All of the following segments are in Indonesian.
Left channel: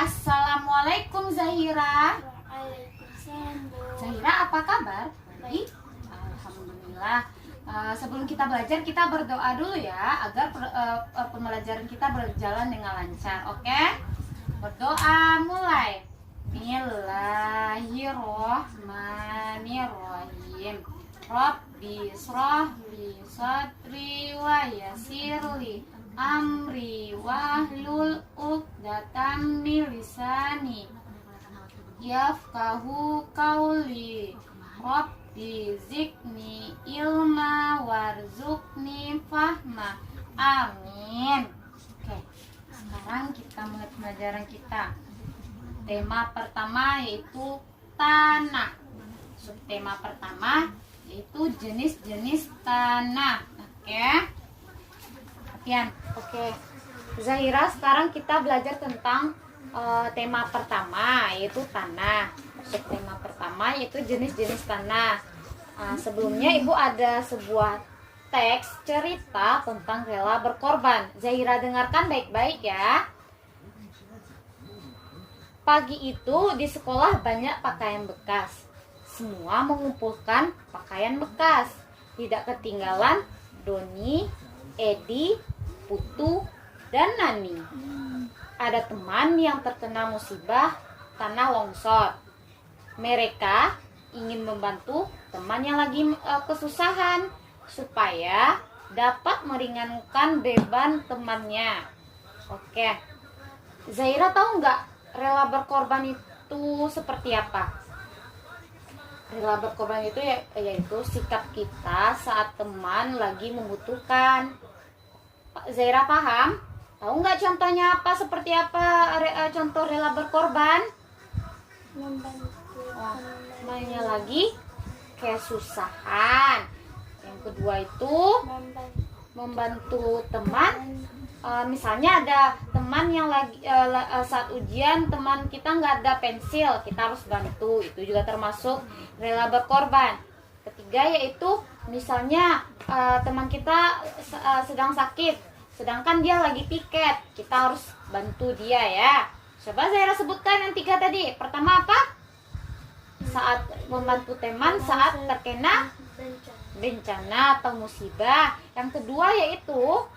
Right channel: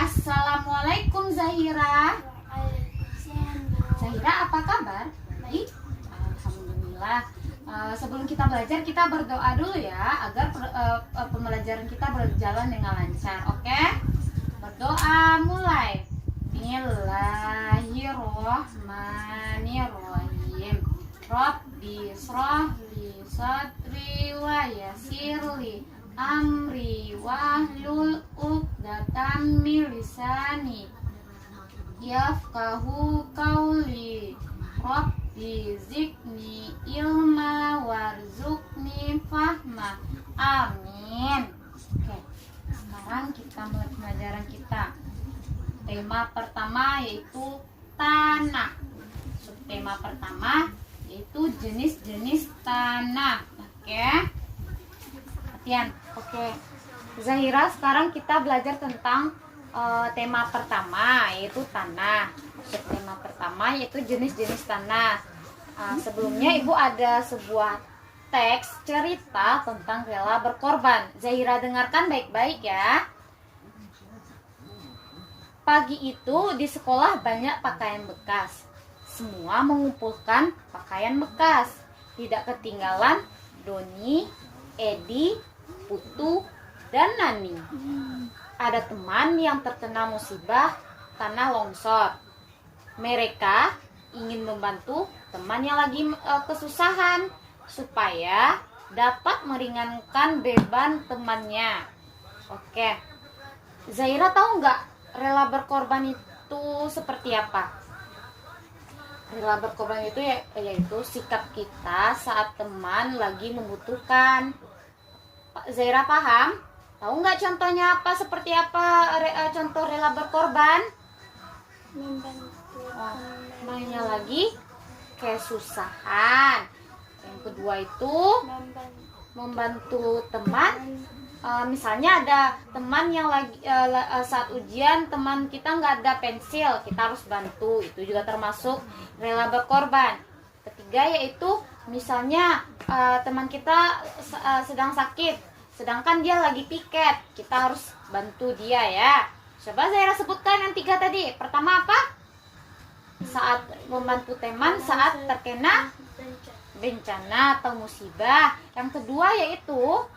Assalamualaikum Zahira. Waalaikumsalam. Zahira, apa kabar? Baik. Alhamdulillah. Sebelum kita belajar, kita berdoa dulu ya agar pembelajaran kita berjalan dengan lancar. Oke? Berdoa mulai. Bismillahirrahmanirrahim. Rabbi shrahli sadri wa yassirli amri wahlul 'uqdatam min lisani yafqahu qawli. Rabbi zidni ilma warzuqni fahma. Amin. Oke, sekarang kita mulai pembelajaran kita. Tema pertama yaitu tanah. Subtema pertama yaitu jenis-jenis tanah. Oke. Perhatian. Oke. Zahira, sekarang kita belajar tentang tema pertama yaitu tanah. Subtema pertama yaitu jenis-jenis tanah. Sebelumnya Ibu ada sebuah teks cerita tentang rela berkorban. Zahira dengarkan baik-baik ya. Pagi itu di sekolah banyak pakaian bekas. Semua mengumpulkan pakaian bekas. Tidak ketinggalan Doni, Edi, Putu, dan Nani. Ada teman yang terkena musibah tanah longsor. Mereka ingin membantu teman yang lagi kesusahan supaya dapat meringankan beban temannya. Oke, Zahira tahu nggak rela berkorban itu seperti apa? Rela berkorban itu yaitu sikap kita saat teman lagi membutuhkan. Zahira paham? Tahu nggak contohnya apa? Seperti apa contoh rela berkorban? Membantu Mainnya lagi kesusahan. Yang kedua itu membantu teman. Misalnya ada teman yang lagi saat ujian teman kita nggak ada pensil, kita harus bantu. Itu juga termasuk rela berkorban. Ketiga yaitu misalnya teman kita sedang sakit, sedangkan dia lagi piket, kita harus bantu dia ya. Coba Zahira sebutkan yang 3 tadi. Pertama apa? Saat membantu teman saat terkena bencana atau musibah. Yang kedua yaitu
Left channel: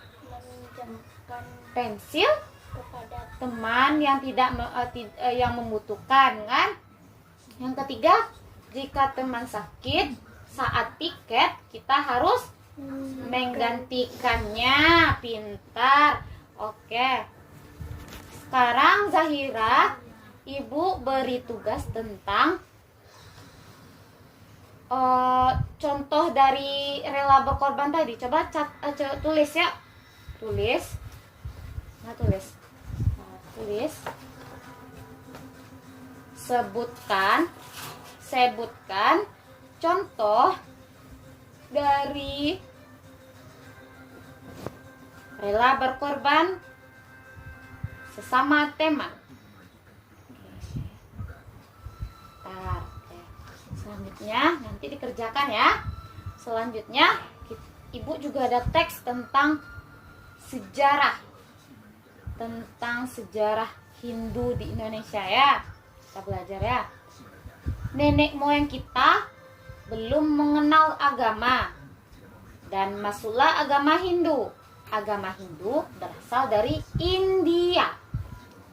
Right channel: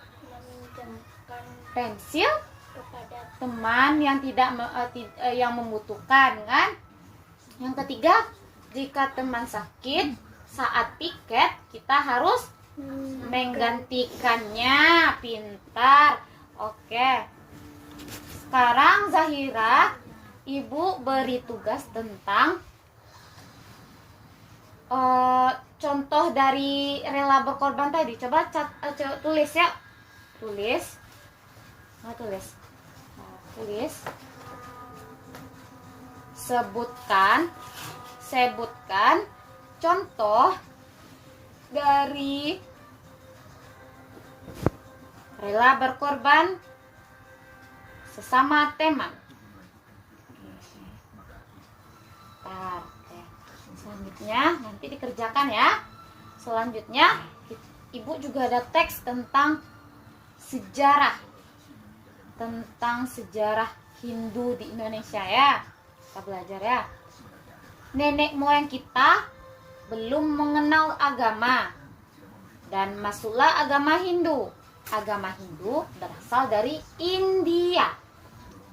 pensil kepada teman yang yang membutuhkan kan. Yang ketiga, jika teman sakit saat piket kita harus menggantikannya. Pintar. Oke. Sekarang Zahira, Ibu beri tugas tentang contoh dari rela berkorban tadi. Coba tulis ya. Tulis. Sebutkan contoh dari rela berkorban sesama teman. Selanjutnya nanti dikerjakan ya. Selanjutnya Ibu juga ada teks tentang sejarah Hindu di Indonesia ya. Kita belajar ya. Nenek moyang kita belum mengenal agama dan masuklah agama Hindu. Agama Hindu berasal dari India.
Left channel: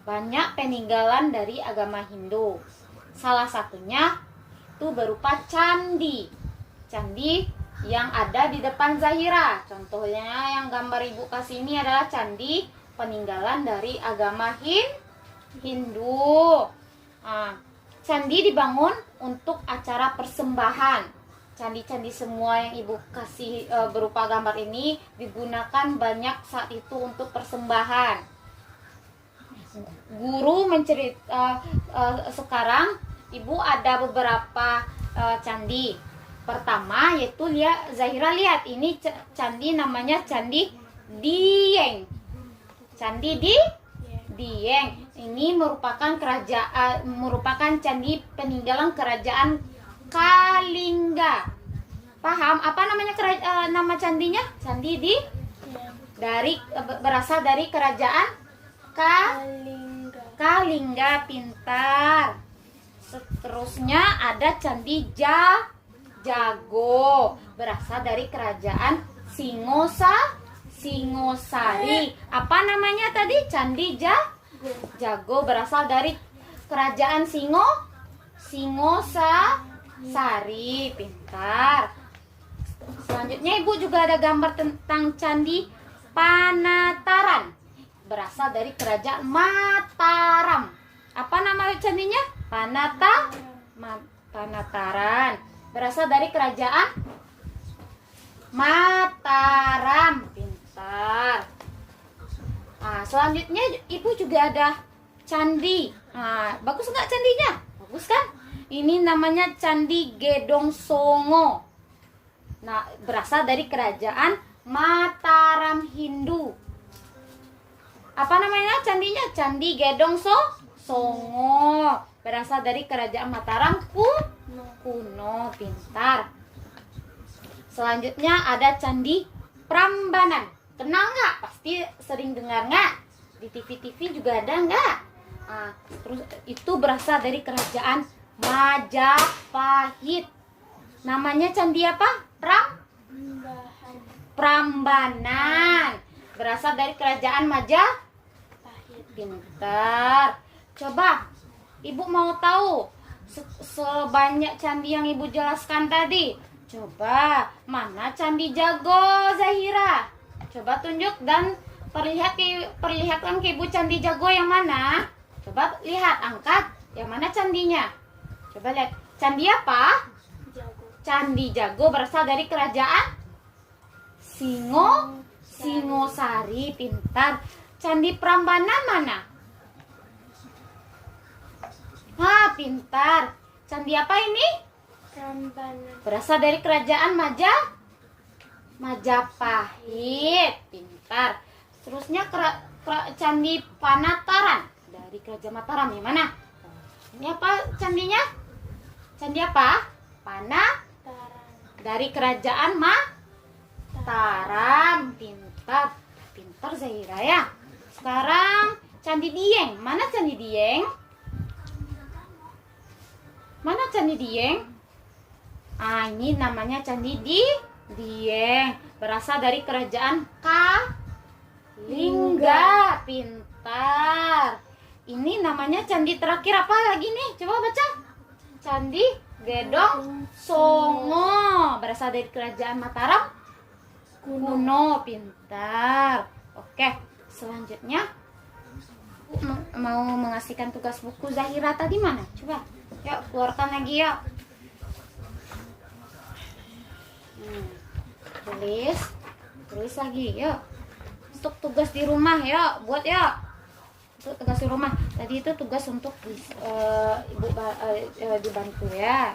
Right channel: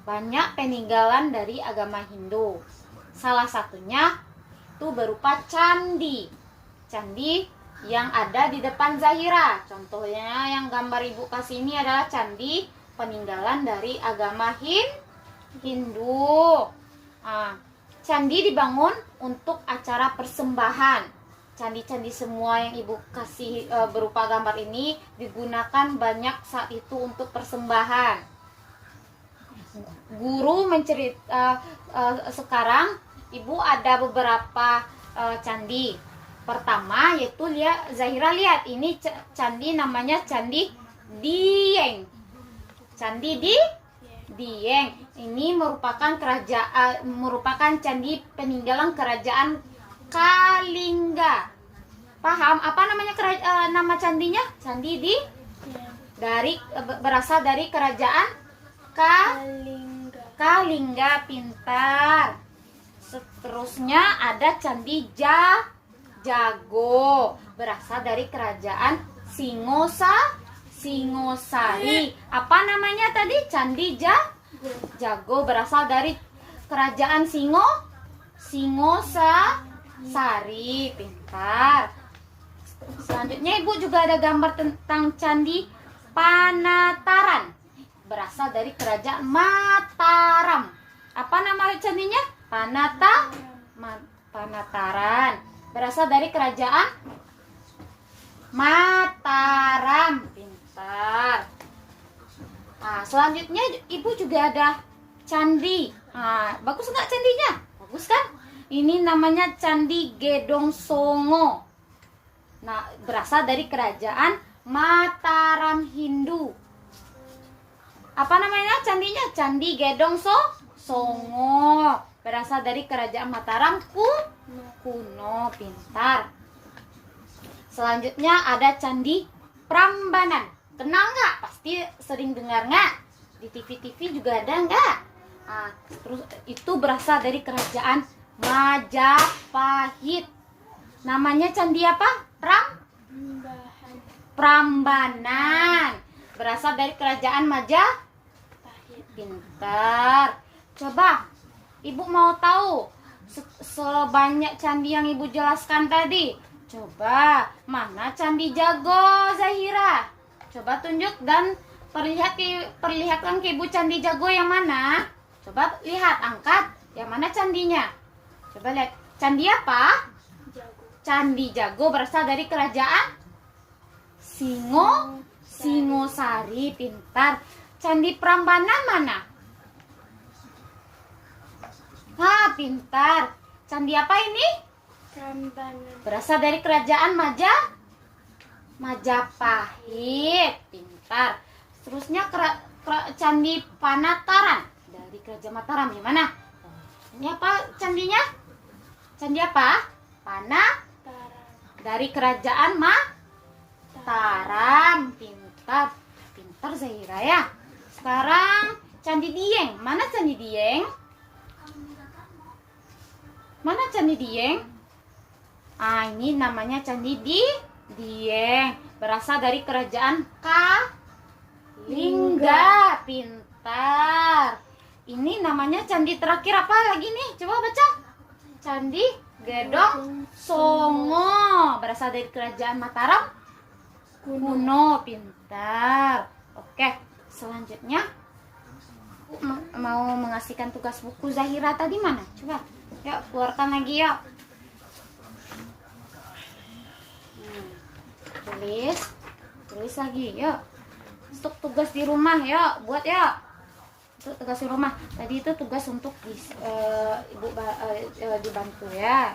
Banyak peninggalan dari agama Hindu. Salah satunya itu berupa candi. Candi yang ada di depan Zahira. Contohnya yang gambar Ibu kasih ini adalah candi peninggalan dari agama Hindu. Candi dibangun untuk acara persembahan. Candi-candi semua yang Ibu kasih berupa gambar ini digunakan banyak saat itu untuk persembahan. Guru sekarang Ibu ada beberapa candi. Pertama yaitu Zahira lihat ini candi namanya Candi Dieng. Candi Dieng ini merupakan candi peninggalan kerajaan Kalingga. Paham apa namanya nama candinya? Candi berasal dari kerajaan Kalingga, pintar. Seterusnya ada Candi Jago, berasal dari kerajaan Singosari. Apa namanya tadi? Candi Jago, berasal dari kerajaan Singosari. Pintar. Selanjutnya Ibu juga ada gambar tentang Candi Panataran, berasal dari kerajaan Mataram. Apa nama candinya? Panataran, berasal dari kerajaan Mataram. Pintar. Nah, selanjutnya Ibu juga ada candi. Nah, bagus nggak candinya? Bagus kan? Ini namanya Candi Gedong Songo. Nah, berasal dari kerajaan Mataram Hindu. Apa namanya candinya? Candi Gedong Songo, berasal dari kerajaan Mataram kuno. Pintar. Selanjutnya ada Candi Prambanan. Kenal nggak? Pasti sering dengar nggak? Di TV-TV juga ada nggak? Nah, terus itu berasal dari kerajaan Majapahit. Namanya candi apa? Prambanan, berasal dari kerajaan Majapahit. Pintar. Coba Ibu mau tahu sebanyak candi yang Ibu jelaskan tadi, coba mana Candi Jago, Zahira? Coba tunjuk dan perlihatkan ke Ibu Candi Jago yang mana. Coba lihat, angkat yang mana candinya. Coba lihat. Candi apa? Candi Jago, berasal dari kerajaan Singosari. Pintar. Candi Prambanan mana? Pintar. Candi apa ini? Prambanan. Berasal dari kerajaan Majapahit. Pintar. Seterusnya Candi Panataran dari kerajaan Mataram. Yang mana? Ini apa candinya? Candi apa? Dari kerajaan Mataram. Pintar. Pintar Zahira ya. Sekarang Candi Dieng. Mana Candi Dieng? Mana Candi Dieng? Ini namanya Candi Dieng, berasal dari kerajaan Kalingga. Pintar. Ini namanya candi terakhir apa lagi nih? Coba baca. Candi Gedong Songo, berasal dari kerajaan Mataram kuno. Pintar. Oke, selanjutnya mau mengasihkan tugas buku Zahira tadi mana? Coba, yuk keluarkan lagi yuk. Tulis lagi yuk. Untuk tugas di rumah yuk, buat yuk. Untuk tugas di rumah. Tadi itu tugas untuk Ibu dibantu ya.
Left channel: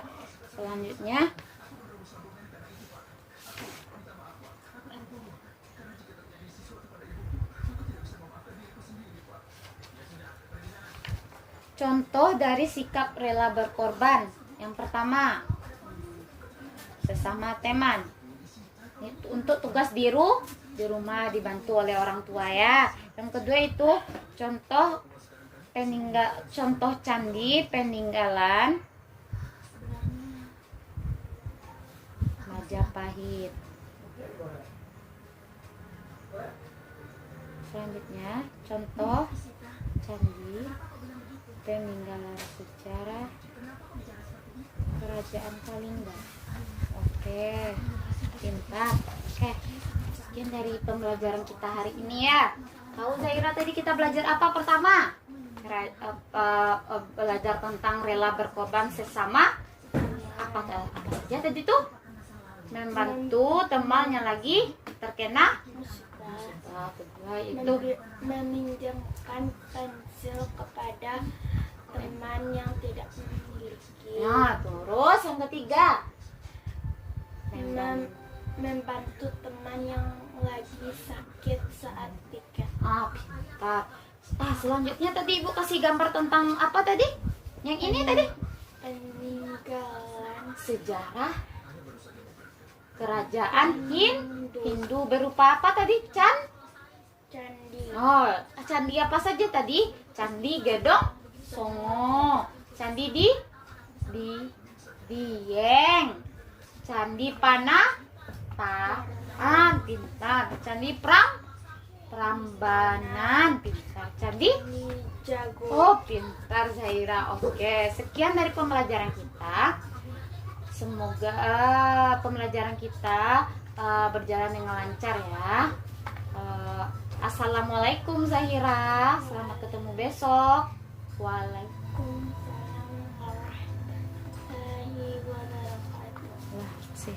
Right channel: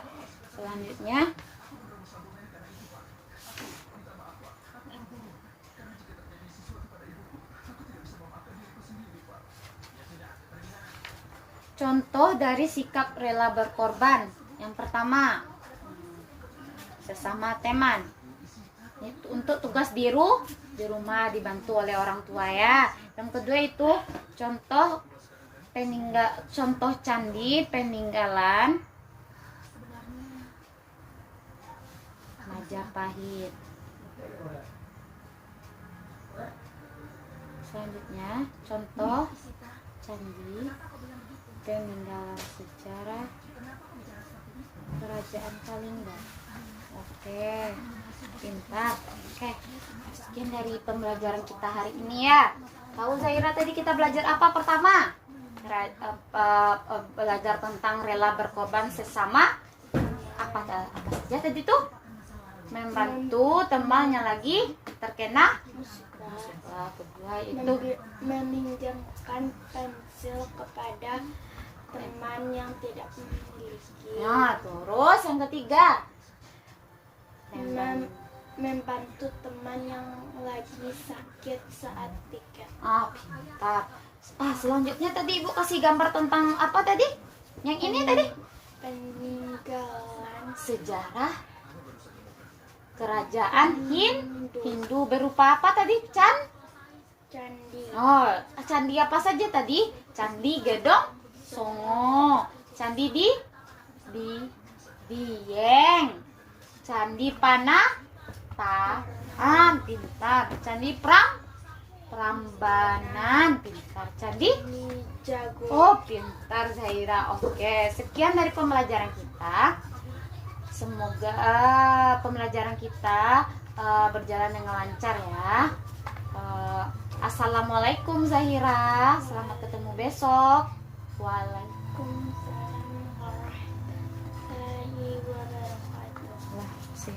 Selanjutnya contoh dari sikap rela berkorban. Yang pertama, sesama teman. Itu untuk tugas di rumah dibantu oleh orang tua ya. Yang kedua itu contoh candi peninggalan Majapahit. Selanjutnya contoh candi peninggalan sejarah kerajaan Kalingga. Oke, pintar. Sekian dari pembelajaran kita hari ini ya. Tahu Zahira tadi kita belajar apa pertama? Belajar tentang rela berkorban sesama. Apa saja tadi tuh? Membantu temannya lagi terkena musibah. Kedua itu meminjamkan pensil kepada teman yang tidak memiliki. Nah, terus yang ketiga, membantu teman yang lagi sakit saat pikir. Pintar. Selanjutnya tadi Ibu kasih gambar tentang apa tadi? Yang ini tadi? Peninggalan Sejarah kerajaan Hindu berupa apa tadi? candi. Oh, candi apa saja tadi? Candi Gedong Songo, Candi Dieng, Candi pintar, Candi Prambanan, pintar, Candi Candi Jago. Oh, pintar Zahira. Oke, sekian dari pembelajaran kita. Semoga pembelajaran kita berjalan dengan lancar ya. Assalamualaikum Zahira. Selamat ketemu besok. Waalaikumsalam. Waalaikumsalam warahmatullahi wabarakatuh. Lah, sih.